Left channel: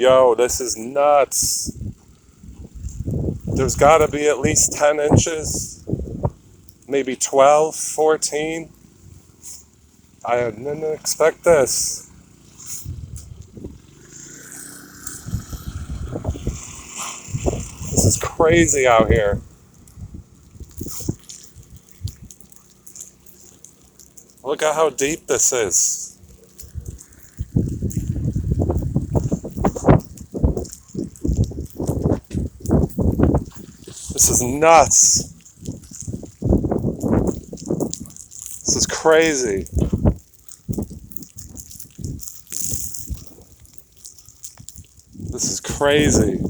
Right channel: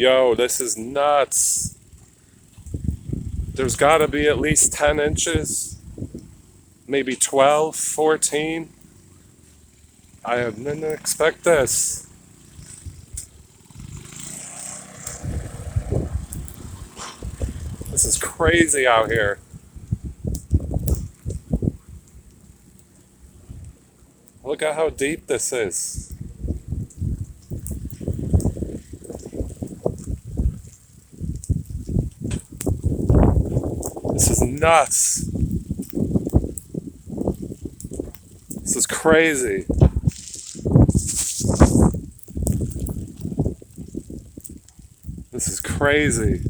Yo, this is nuts. There's gotta be at least 10 inches, maybe 12, 14. I didn't expect this. This is crazy out here. Look at how deep this is. This is nuts. This is crazy. This is crazy.